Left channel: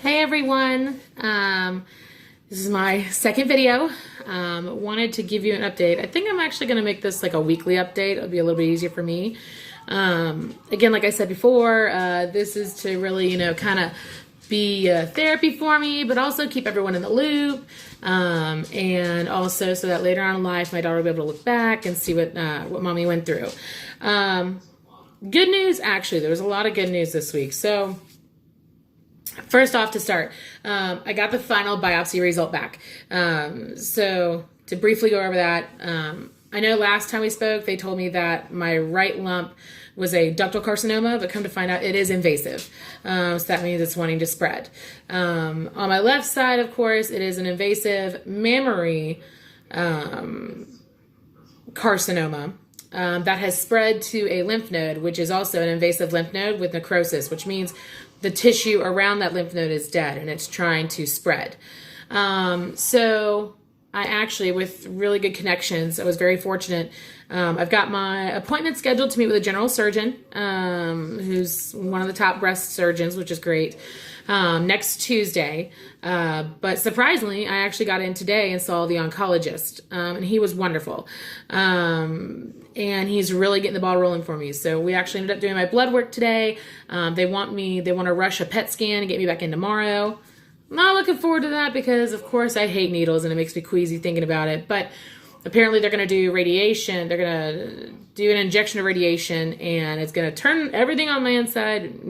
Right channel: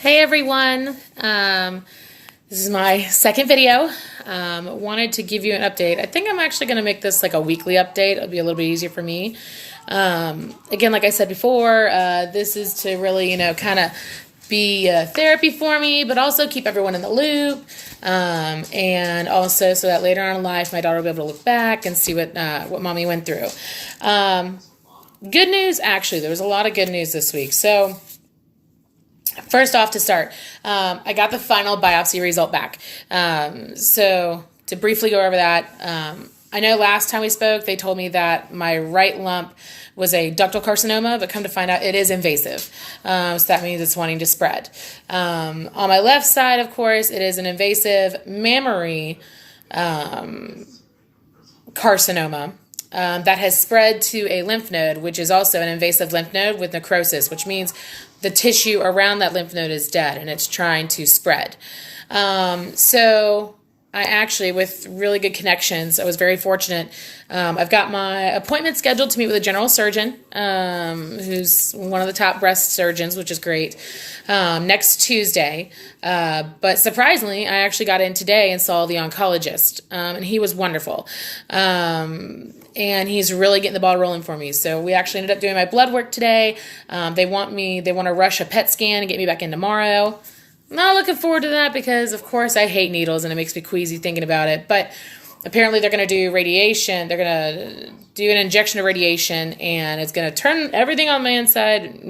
Hey everyone, this is my second video. Wanted to give you an update. I think I'm actually going to make this like a weekly update. It'll be a little bit easier for me. Again, like I said before, this is to really, kind of be therapy for me, but also keep everyone in the loop. And also so that later on in life, my daughter will be able to look back and see what mommy went through. Good news, actually, there was a lot of good news this week. So, first off, to start, I got the final biopsy result back. So to briefly go over that, I know last time we spoke, they told me that my right lump was a ductal carcinoma, but come to find out it is invasive. So that means it's wanting to spread. On my left side, of course, it is an invasive mammary carcinoma. That has spread to a lymph node, which is also an invasive lymph node with necrosis, which means the tissue around that lymph node is dead and it's trying to spread. So I actually, with really good connections, I was very fortunate. I've got my appointment scheduled to meet with a general surgeon, who's one of the top breast surgeons, which is great, next Tuesday. But surprisingly, I actually got in today and saw the oncologist, and he was wonderful. And he's really getting the ball rolling for me. So we actually ended up doing my blood work today. They want to rush a PET scan and get me back in tomorrow. Not looking forward to that because, of course, I hate needles and it makes me queasy thinking about it. But apparently they're going to do radiation. They're going to do an injection of radiation, and it's going to turn everything on my inside,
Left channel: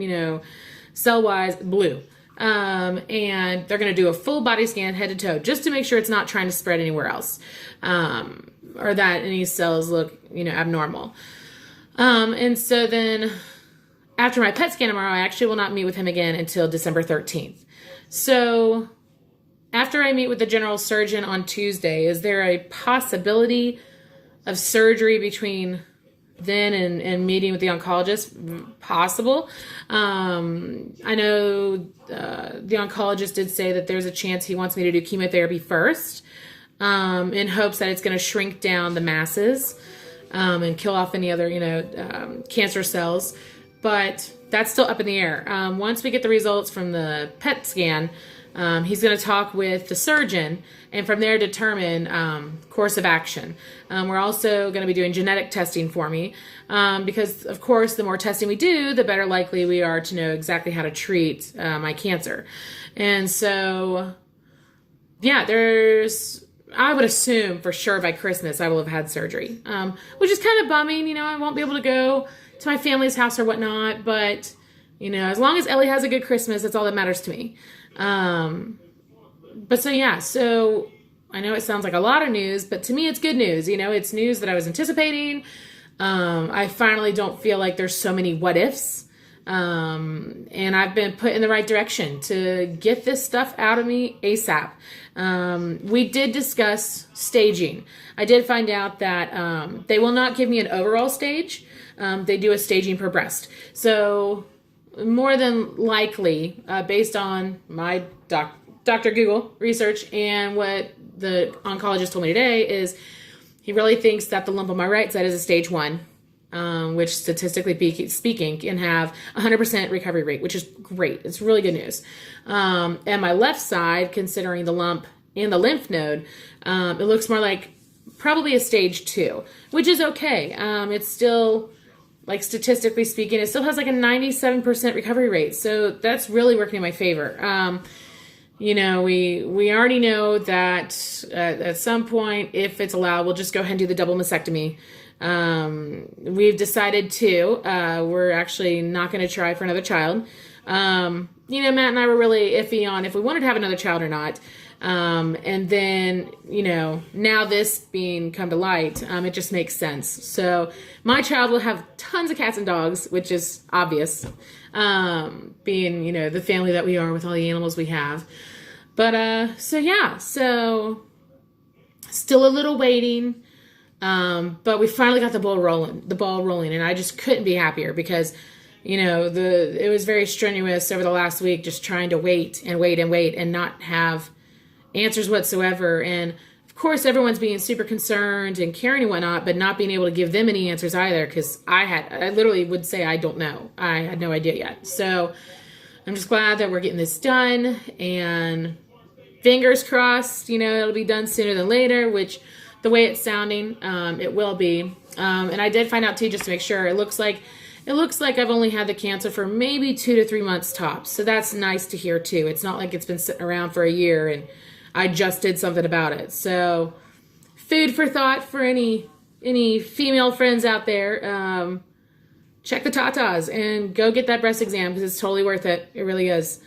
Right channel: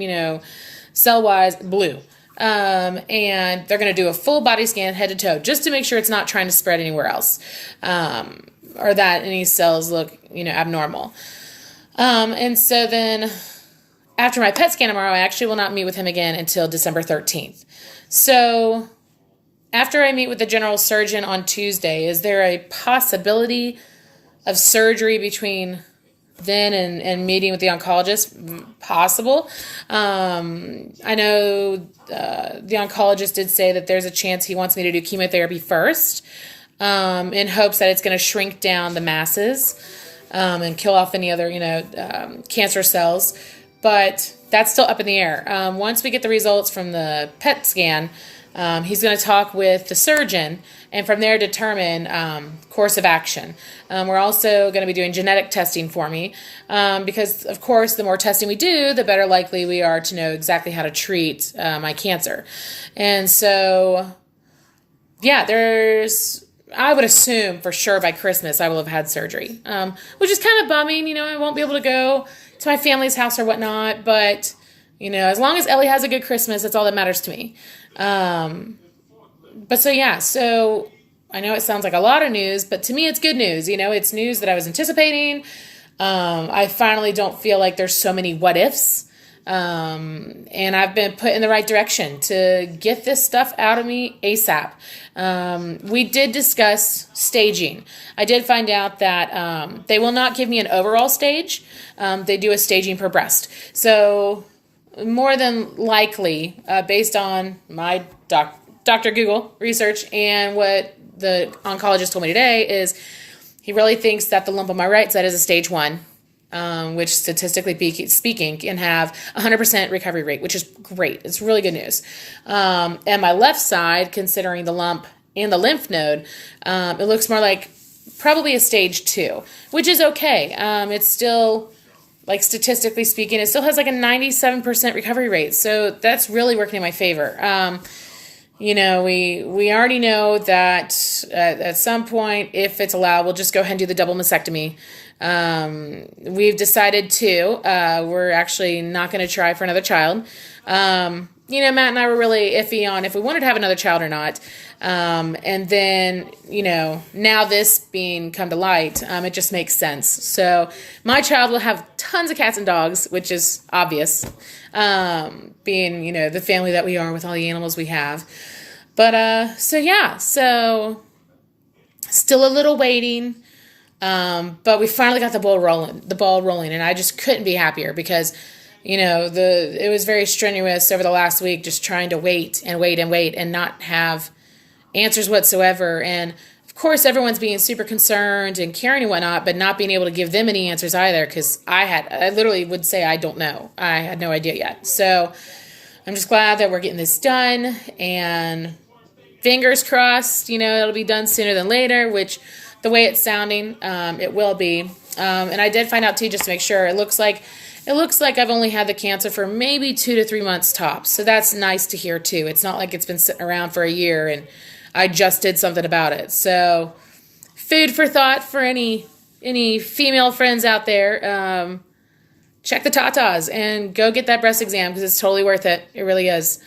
cell-wise, blue. And they're going to do a full body scan head to toe just to make sure it's not trying to spread anywhere else, or that any cells look, abnormal. And so then after my PET scan tomorrow, I actually will not meet with him again until December 13th. So after I meet with the general surgeon on Tuesday, is there a possibility of surgery between then and meeting with the oncologist? Possible. I know the oncologist did say that there's a chance he wants me to do chemotherapy first, in hopes that it's going to shrink down the masses and kill off any other, cancer cells. But that's still up in the air. Once we get the results from the PET scan, he's going to talk with the surgeon and from there determine course of action. We're also going to be doing genetic testing for me because, of course, the more testing we do, the better likely we are to know exactly how to treat my cancer. And so, yeah, I would assume for sure by Christmas I will have had surgery, which is kind of bumming. I won't be able to go to my family's house or whatnot, but as long as Ellie has a good Christmas, that's all that matters to me. So I know it sounds like a lot of news, but to me it's good news. It's news that I was anticipating. I finally don't feel like there's so many what ifs. And I've been put in the right direction to get this stuff out of me ASAP. We did discuss staging. I did find out that they will not give me an overall stage. They do a staging per breast. So more than likely, based on my Dr. Google research and what the oncologist told me today, is he really thinks that the lump on my right side is a stage 1. Which statistically speaking can have 100% recovery rate, which is great. It's really good news. And my left side, considering the lump and the lymph node, it looks more like probably a stage 2, which is okay. It's still, like statistically speaking, it still has like a 97% recovery rate. So that's really working in my favor. We already know that at some point, if it's allowed, we'll just go ahead and do the double mastectomy. We've decided we're actually not going to try for another child. Matt and I were really iffy on if we wanted to have another child or not. And then, now this being come to light, it just makes sense. So my child will have tons of cats and dogs, which is obvious, being, the family that we are with all the animals we have. But, so still a little waiting. But we finally got the ball rolling, and I just couldn't be happier because, it was very strenuous over the last week, just trying to wait and not have answers whatsoever. And of course, everyone's being super concerned and caring and whatnot, but not being able to give them any answers either. Cause I literally would say, I don't know. I had no idea yet. So, I'm just glad that we're getting this done, and fingers crossed, it'll be done sooner than later, which the way it's sounding, it will be. And I did find out too, just to make sure, it looks like I've only had the cancer for maybe 2 to 3 months tops. So that's nice to hear too. It's not like it's been sitting around for a year and I just did something about it. So food for thought for any female friends out there. Check the tatas and go get that breast exam because it's totally worth it. It really is.